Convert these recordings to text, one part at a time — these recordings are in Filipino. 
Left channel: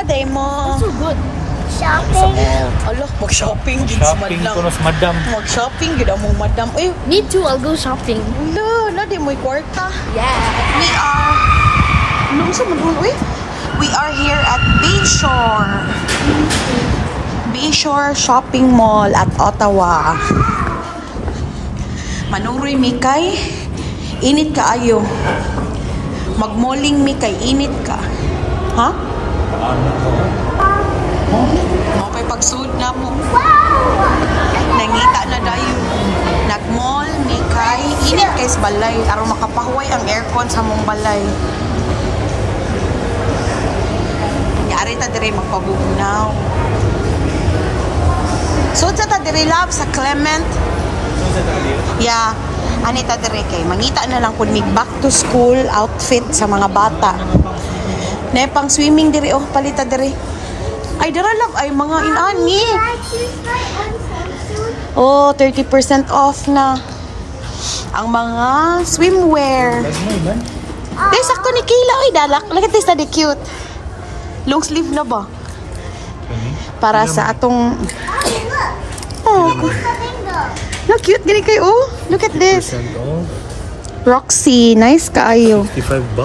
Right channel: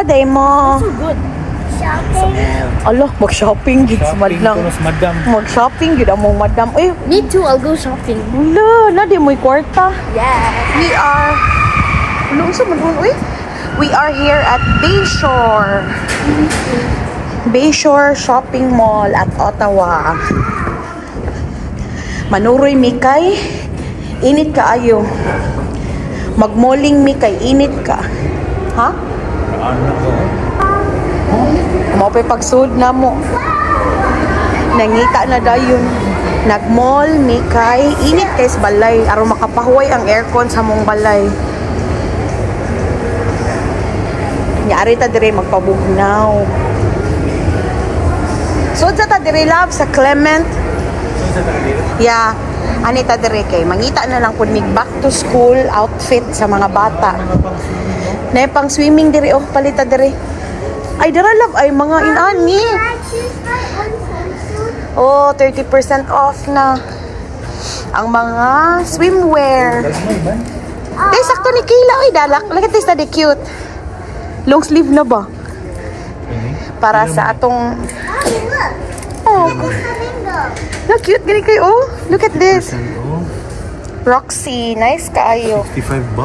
Unsa day mo? So good. Shopping. Alo, mag-shopping gid si Shopping madam. ko na si madam. Mag-shopping gid mo madam. Ay, Me too, I'll go shopping. wala, na di mo kwarta. Yeah. We are We are here at Bayshore. Bayshore Shopping Mall at Ottawa. Manuroy mi kay init ka ayo. Magmoling mi kay init ka. Ha? Mo pa pagsud na mo. Nangita na dayon. Nagmall mi kay init kay sa balay aron makapahuway ang aircon sa mong balay. Nyari ta dire magpabugnaw. So sa ta dire love sa Clement. Yeah. Ani ta dire kay mangita na lang kun mig back to school outfit sa mga bata. Na pang swimming dire oh palita dire. Ay dara love ay mga inani. Oh, 30% off na ang mga swimwear. Dahil sakto ni Kayla ay dalak. Look at this, na cute. Long sleeve na ba? Para sa atong no, cute gini kayo. Oh, look at this. Roxy, nice kaayo. $65.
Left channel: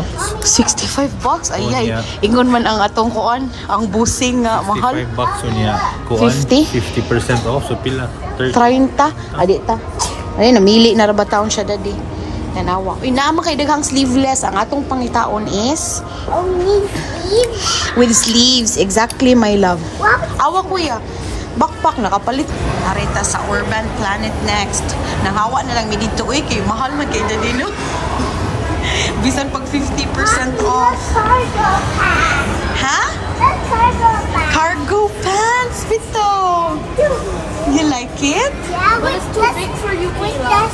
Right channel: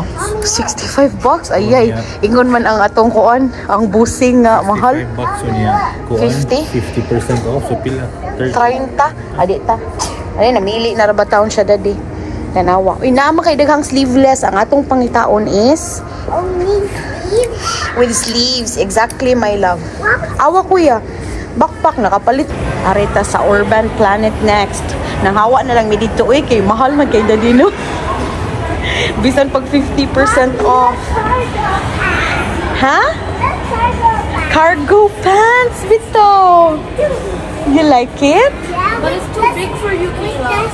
$65? Ay, ingon man ang atong kuan, ang busing nga mahal. $65 niya. Kuan 50% off so pila 30. Adi ta. Ay namili na ra ba taon siya dadi. Tanawa. Uy, naama kay daghang sleeveless. Ang atong pangitaon is only with sleeves. Exactly, my love. Awa kuya. Backpack nakapalit. Arita sa Urban Planet next. Nanghawa na lang mi dito eh kay mahal man kay dadino. Bisan pag 50% off. Ha? Cargo pants, Vito. You like it? Yeah, but it's too big for you, Kayla.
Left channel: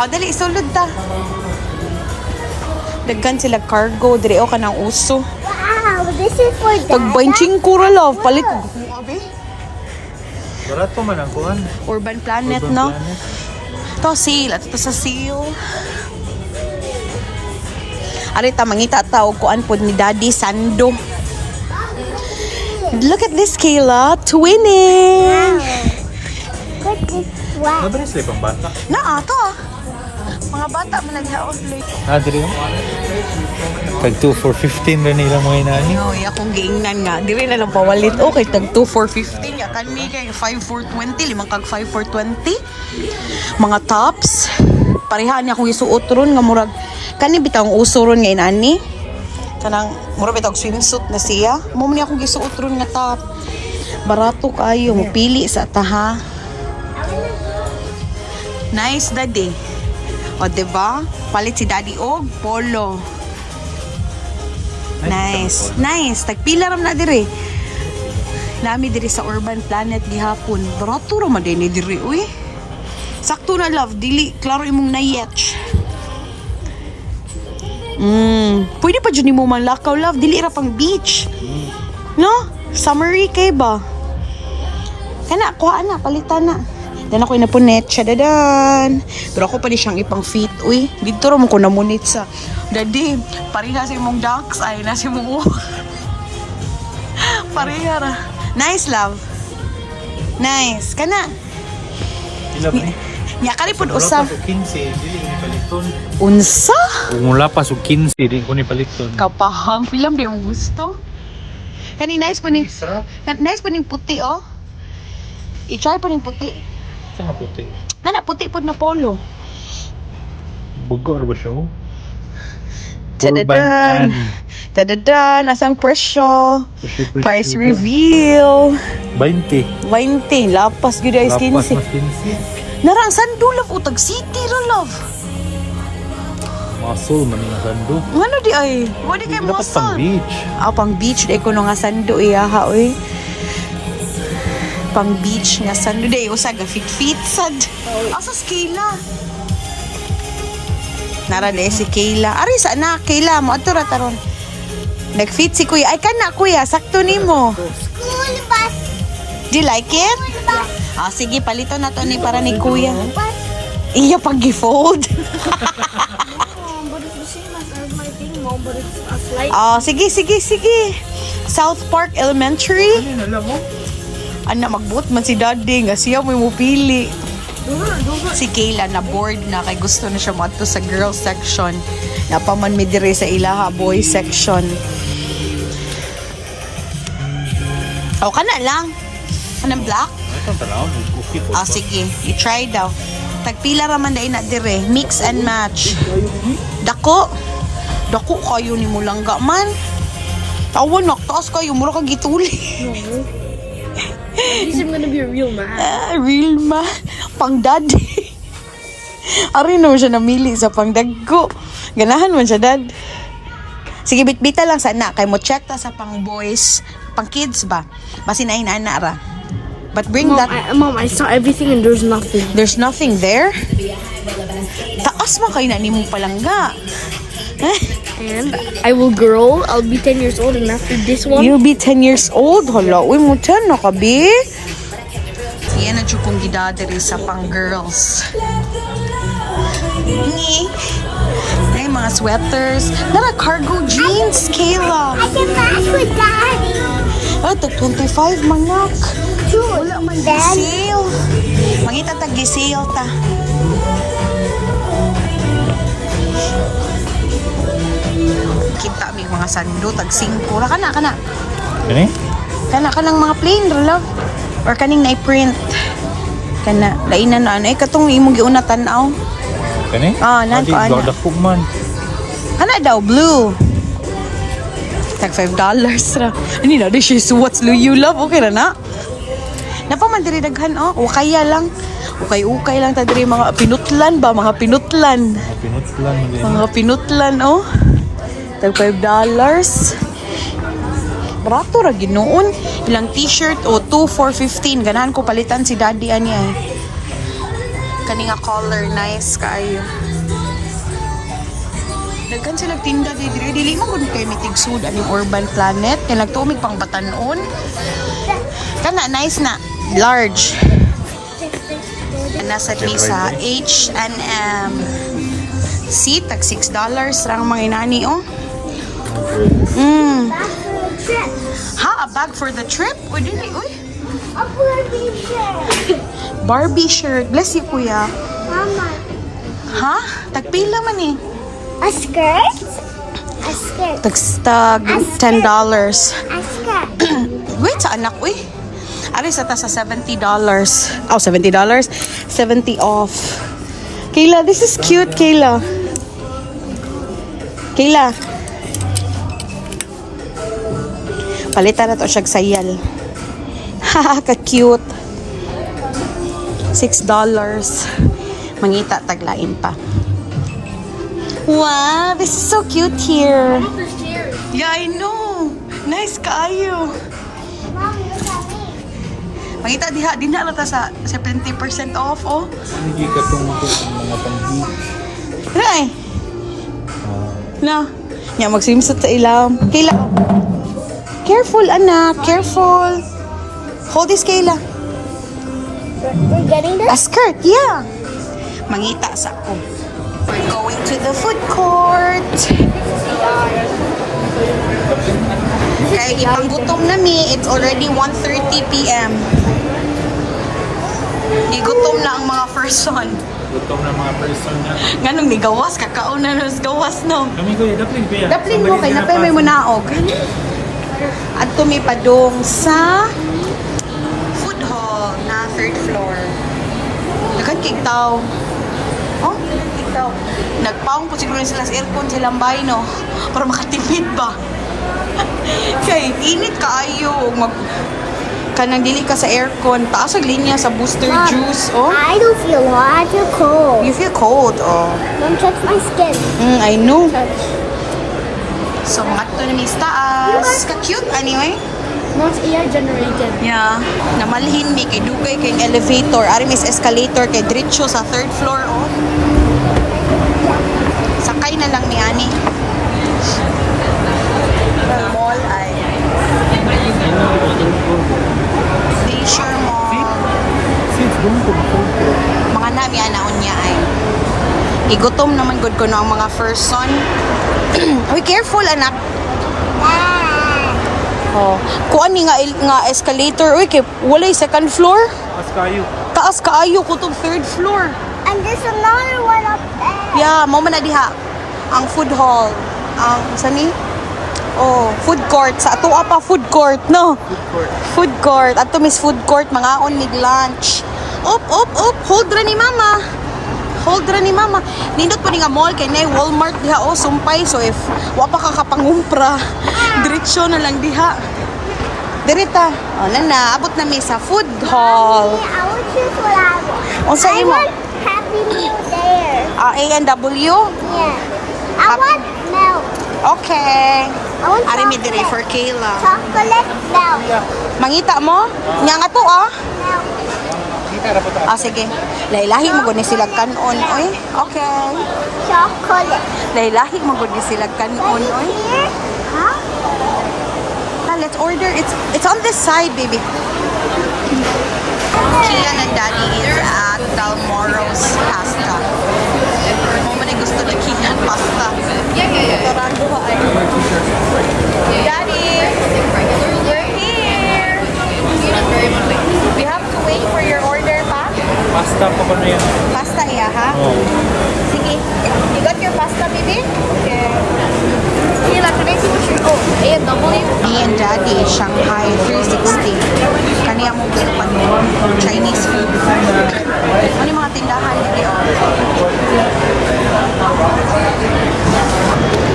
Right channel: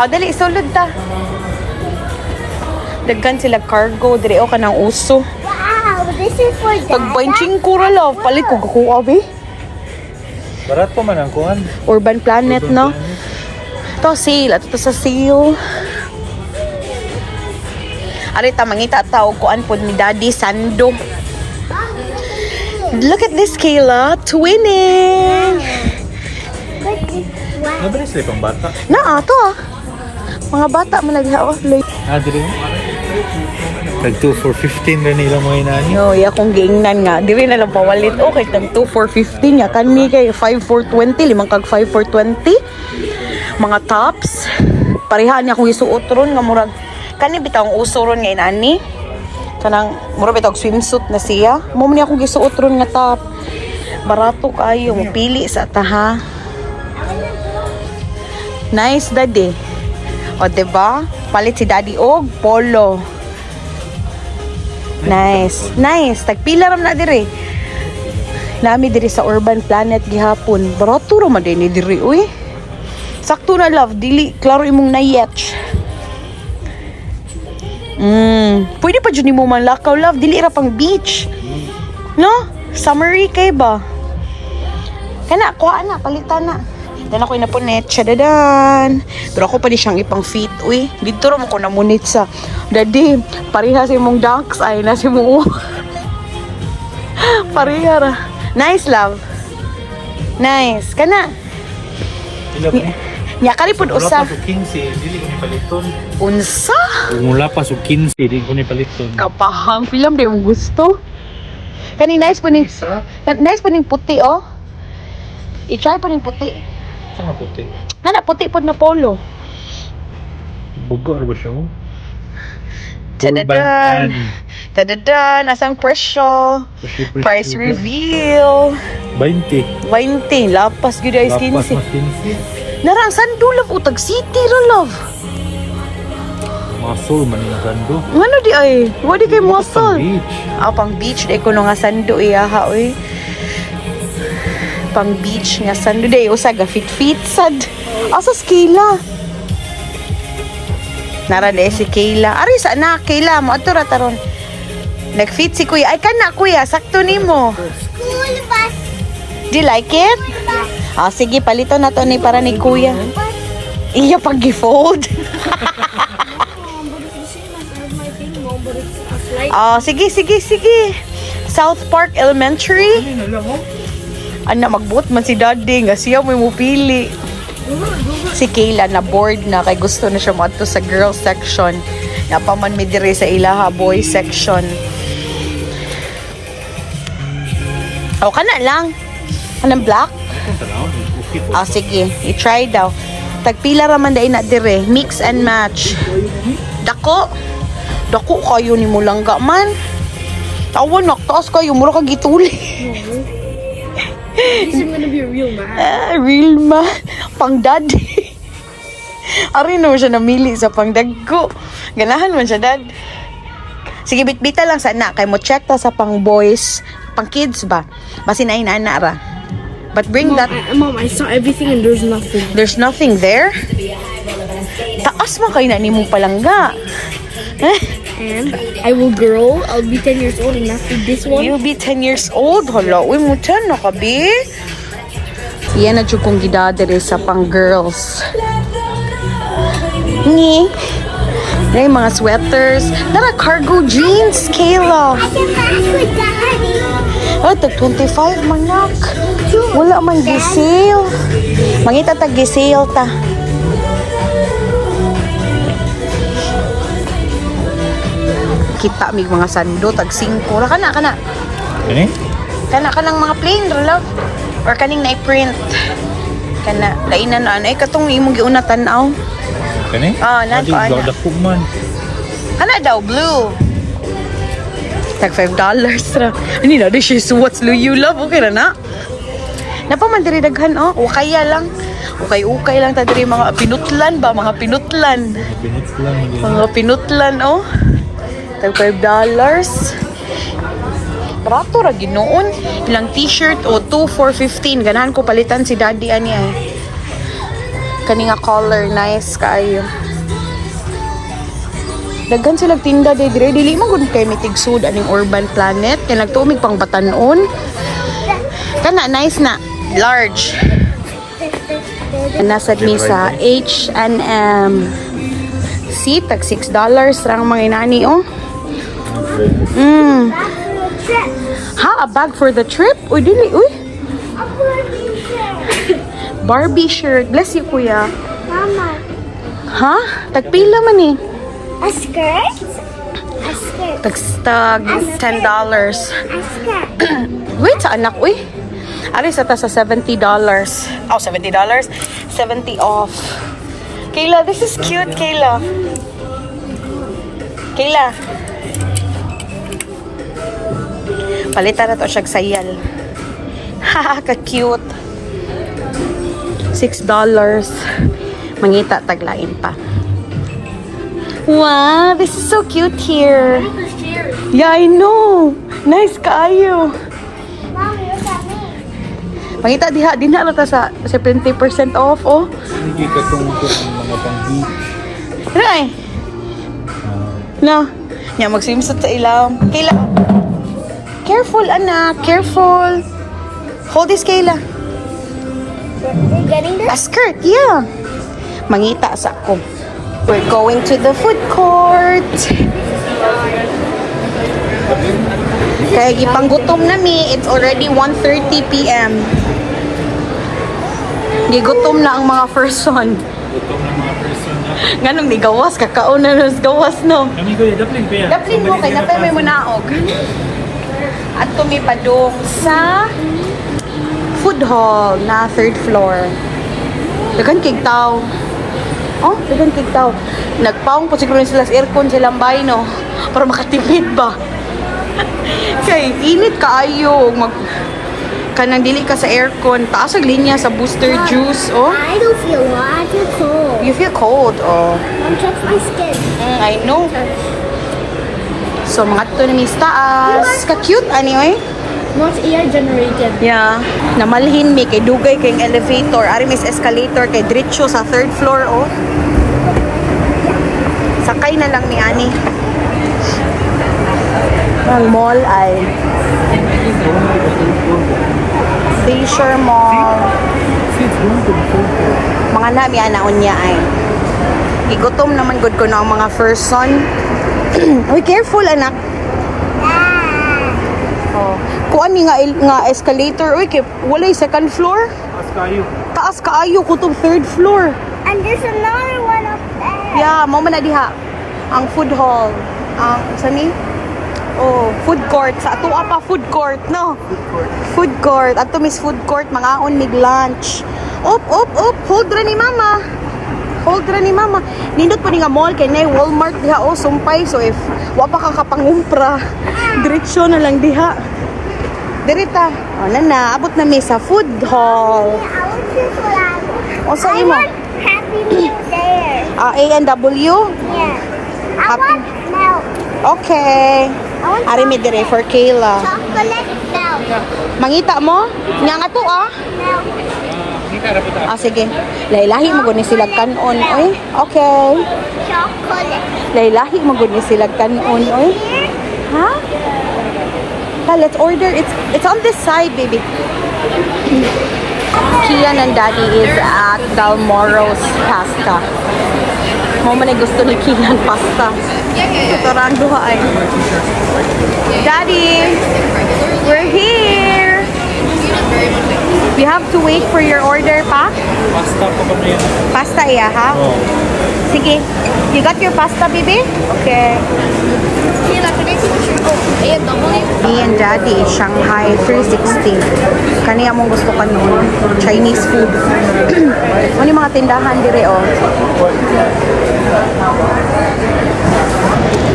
Oh, dali isulod ta. Daghan sila cargo dire o kanang uso. wow, this is for that. Pag benching ko ra love, palit ko kuha be. Darat pa man ang kuan. Urban Planet, Urban no? Planet. Ito sale, at ito sa sale. Arita mangita tao kuan pod ni Daddy Sando. Look at this, Kayla, twinning. Nabili sila pang bata. Na ato ah. Mga bata man naghaos late. Dire. Tag 2 for 15 rin nila mo inani. No, iya kong giingnan nga. Diri na lang pawalit. Okay, tag 2 for 15 ya. Kanmi kay 5 for 20, limang kag 5 for 20. Mga tops. Pareha niya akong isuot ron nga murag. Kani bitang uso ron nga inani. Kanang murag bitang swimsuit na siya. Mo man akong gisuot ron nga top. Barato kayo, mapili sa taha. Nice, Daddy. O, diba? Palit si Daddy og polo. Nice. Nice. Tagpila ram na diri. Nami diri sa Urban Planet gihapon. Barato ra man din diri, uy. Sakto na love, dili klaro imong nayetch. Pwede pa dyan mo manlakaw love, dili ra pang beach. No? Summery kay ba? Kana, kuha na, palitan na. Dan ako inapunit siya, dadan. Pero ako pa di siyang ipang feet, uy. Dito rin mo ko namunit sa. Daddy, pariha si mong dunks, ay na si mong pariha ra. Nice, love. Nice. Kana. Nya kari pud usa. Unsa? Mula pa so 15 din ko ni paliton. Kapaham film di mong gusto. Kani nice pa ning puti oh. I-try pa ning puti. Saan puti? Nana puti pud na polo. Bugor ba siya? Tadadan. Tadadan, asang presyo. Price reveal. 20. 20. Lapas gud ay 15. Lapas mas 15. Narang sando love utag city ra love. Muscle man na sando. Ngano di ay? Wadi kay muscle. Pang beach. Pang beach day ko nga sando iyaha oy. Pang beach nga sando day usa ga fit sad. Asa Kayla? Nara de si Kayla. Ari sa na Kayla mo ato ra taron. Nag-fit si kuya. Ay kana kuya, sakto nimo. School bus. Do you like it? Sige, palito na to ni para ni kuya. Iya pag-fold. But it's the same as my thing, Mom, but it's a flight. Sige. South Park Elementary. Ano lang mo? Ana, magbuot man si daddy nga siya may mupili. Si Kayla na bored na kay gusto na siya maadto sa girl section. Napaman mi dire sa ilaha boy section. O kana lang. Anong black? Ito tanaw, okay po. Sige, i-try daw. Tagpila raman dai na dire, mix and match. Dako. Dako kayo ni mo langga man. Tawan naktaas kayo mura ka gituli. At least I'm gonna be a real man. Real man. Pangdad. Ari no siya namili sa pangdagko. Ganahan man siya, dad. Sige, bitbita lang sana. Kay mo check ta sa pang boys, pang kids ba? Basi na inana ra. But bring that. Mom, I saw everything and there's nothing. There's nothing there? Taas man kayo na ni mong palangga. And I will grow. I'll be 10 years old and after this one. You'll be 10 years old? Hala, uy mo 10 na ka, be? Yan na dyan kong gidadere sa pang girls. Ni. Ay, mga sweaters. Nara, cargo jeans, Kayla. I can match with Daddy. Ay, tag 25 manak. Wala man gisale. Mangita tag gisale ta. Kita mig mga sando tag 5 ra kana. Kani? Kana mga plain ra or kaning na-print. Kana lainan na ay katong imong giuna tan-aw. Kani? Nanto Adi, dako man. Kana daw blue. Tag $5 ra. Ani na di siya what's you love okay na. Napaman diri daghan ukaya lang. Ukay lang ta diri mga pinutlan ba, mga pinutlan. Mga pinutlan Tag $5. Barato ra ginoon. Ilang t-shirt $2 for $15. Ganahan ko palitan si daddy ani ay. Kani nga color nice kaayo. Daghan sila tinda dire dili man gud kay mikigsud aning Urban Planet kay nagtuomig pang Batanon. Kana nice na large. Nasad ni sa H&M. See, tag $6 rang mga inani Ha, a bag for the trip? Uy, dili, uy. Barbie shirt. Bless you, kuya. Mama. Ha? Tagpila man eh. A skirt? A skirt. Tag $10. A skirt. Wait, sa anak, uy. Aris ata sa $70. Oh, $70? 70 off. Kayla, this is cute, Kayla. Kayla. Palitan na to siyag sayal. Haha, ka-cute. $6. Mangita, taglain pa. Wow, this is so cute here. Yeah, I know. Nice kaayo. Mangita, di na ta sa 70% off, Hindi ka tungkol ang mga pang-beach. Ay. Na. Nya mag-swimsuit sa ilam. Kayla. Careful, anak. Careful. Hold this, Kayla. We're getting this? A skirt, yeah. Mangita sa ko. We're going to the food court. Kaya gipanggutom na mi. It's already 1:30 p.m. Gigutom na ang mga person. Gutom na mga person na. Nganong ni gawas, kakaon na nos gawas, no? Kami kuya, daplin kuya. Daplin mo kay napay may munaog. At tumipadong sa food hall na 3rd floor. Dagan kig taw. Dagan kig taw. Nagpaong po siguro sila sa aircon silang bahay, no? Para makatipid ba? Kay init kaayo kanang dili ka sa aircon, taas ang linya sa Booster Juice, I don't feel hot. I feel cold. You feel cold, Don't touch my skin. I know. So, mga ito na mis taas. Ka-cute, anyway. Not air generated. Yeah. Namalhin mi, kay dugay kay elevator. Ari mis escalator, kay diretso sa 3rd floor, Sakay na lang ni Ani. Ang mall ay Fisher Mall. Mga nami anaon niya ay igutom naman good ko na ang mga person. Uy, careful anak. Oh. Kuan ni nga escalator. Uy, kay walay second floor. Taas kaayo ko tong third floor. And there's another one up there. Yeah, mo man na diha. Ang food hall. Ang sani? Oh, food court. Sa ato pa food court, no? Food court. Ato mis food court, mga on mid lunch. Op. Hold ra ni mama. Nindot pa ni nga mall kay nay Walmart diha oh sumpay. So if wa pa ka kapangumpra, direksyon na lang diha. Dirita. Oh, nana, abot na mi sa food hall. Unsa imo? Happy Meal there. A&W? Yeah. Happy. I want milk. Okay. Ari mi dire for Kayla. Chocolate milk. Mangita mo? Nya nga to ah. Milk. Sige. Lailahi mo gud ni sila kanon, oy. Okay. Chocolate. Lailahi mo gud ni sila kanon, oy. Ha? Let's order. It's on this side, baby. Kian and Daddy is at Dalmoro's Pasta. Mo man gusto ni Kian pasta. Torando ay. Daddy, we're here. We have to wait for your order, pa? Pasta pa ba na yan? Pasta iya, ha? Oh. Sige. You got your pasta, baby? Okay. Kayla, can I see what you're... Oh, A&W? Me and Daddy, Shanghai 360. Kaniya mong gusto ka noon. Chinese food. Ano yung mga tindahan dire, oh?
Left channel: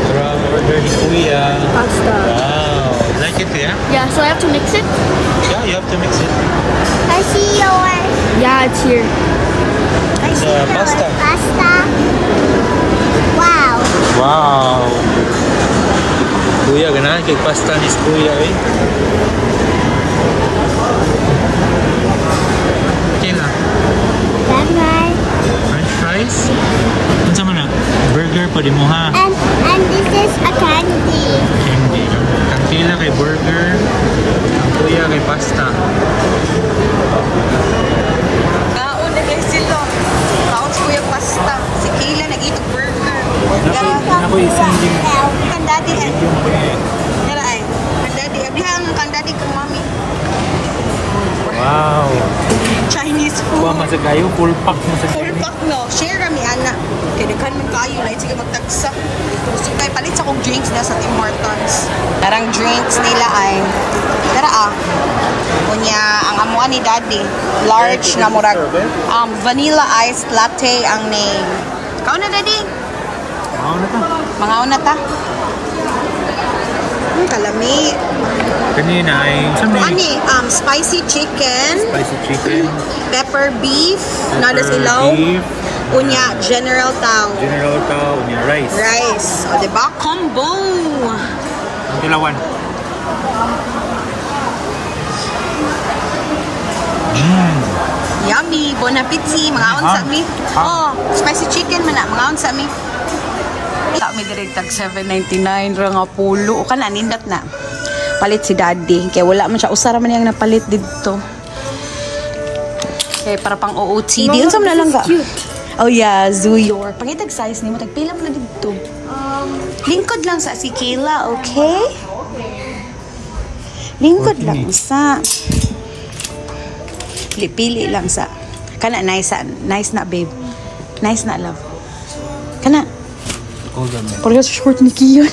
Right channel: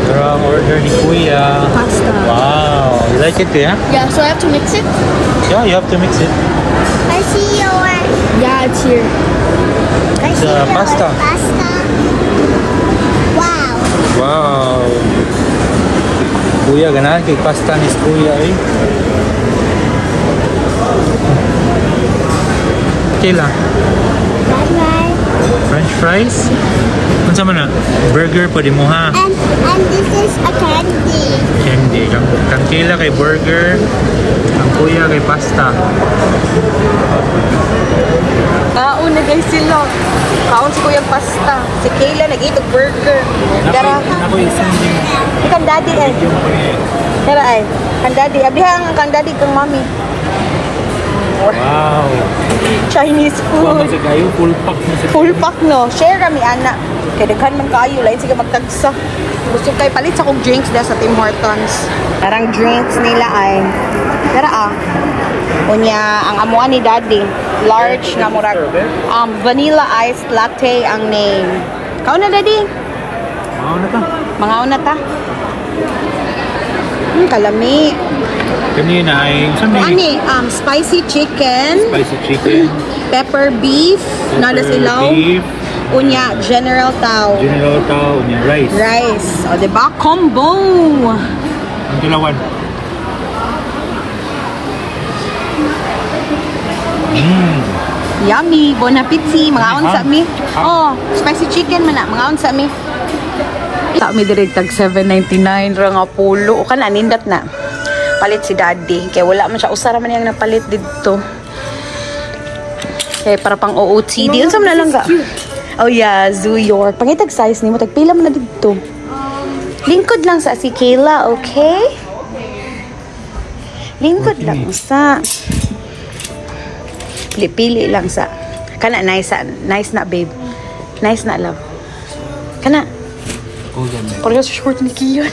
Grab order ni Kuya. Wow. You like it, yeah? Yeah, so I have to mix it? Yeah, you have to mix it. I see yours. Yeah, it's here. It's pasta. Pasta. Wow. Wow. Kuya, ganahan kay pasta ni Kuya, eh. Kayla, Bye-bye. French fries? Ano man na? Burger pwede mo ha? And this is a candy. Hindi. Ang Kayla kay burger, ang Kuya kay pasta. Kaon na guys sila. Kaon si Kuya pasta. Si Kayla nag-itog burger. Ako isang Ikaw Daddy eh. Kaya ay. Kang Daddy. Abihang kang Daddy kang Mami. wow. Chinese Kuha man food. sa kayo, full pack mo sa Full pack no. Share kami ana. Kaya daghan man kayo. Lain sige magtagsa. Gusto kay palit sa kong drinks na sa Tim Hortons. Parang drinks nila ay. Tara ah. Unya, ang amuan ni Daddy. Large na murag. Vanilla iced latte ang name. Kau na Daddy? Ano na ta? Mga una ta. Kalami. Kanina ay, saan may Ani, spicy chicken, spicy chicken, pepper beef, nada silaw. beef, Unya, general tao. general tao, yung rice. Rice. O, diba? Combo! Ang dalawan. Yummy! Bon appetit! Mga on sa mi. Oh, spicy chicken man na. Mga on sa mi. Ita mi direct tag 7.99 ra nga pulo. O kana nindat na. Palit si Daddy. Kaya wala man siya. Usara man yung napalit dito. Kaya para pang OOTD. Yun sa lang ka. Oh yeah, Zoo York. Pangitag size ni mo. Tagpila mo na dito. Lingkod lang sa si Kayla, okay? Lingkod lang sa... Pili lang sa... Kana, nice na, babe. Nice na, love. Kana. Hold on, Pala sa short ni Kian.